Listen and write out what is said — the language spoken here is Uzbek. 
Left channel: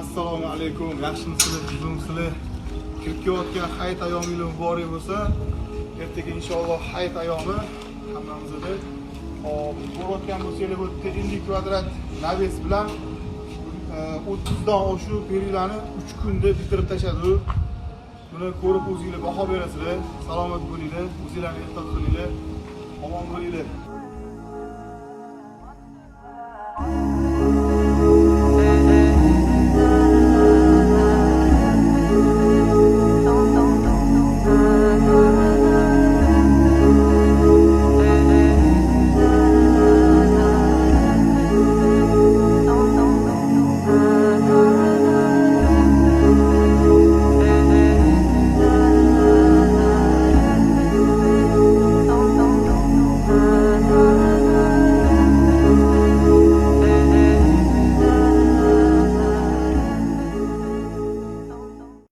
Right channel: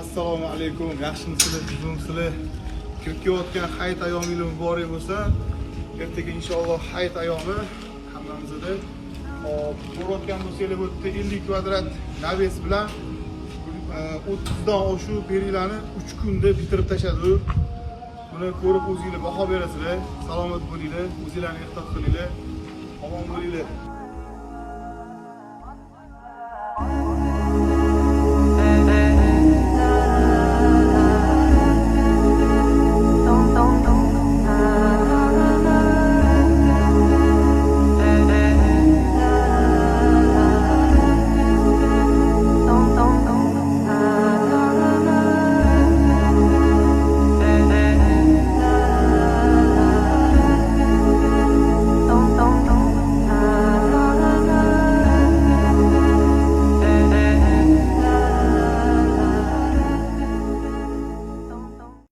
Assalomu alaykum. Yaxshimisizlar, buzimsizlar? Kirib kelayotgan hayit ayyomingiz muborak bo'lsa, ertaga inshaalloh hayit ayyomi hammamizda. Hop, ko'rayotgan bo'lsangiz, bu yerda 50 kvadrat naves bilan 30 dan oshiq periylarni 3 kunda bitirib tashladi. Buni ko'rib o'zingizlar baho berasizlar. Salomat bo'linglar, o'zingizlarni ehtiyot qilinglar. Omon bo'linglar.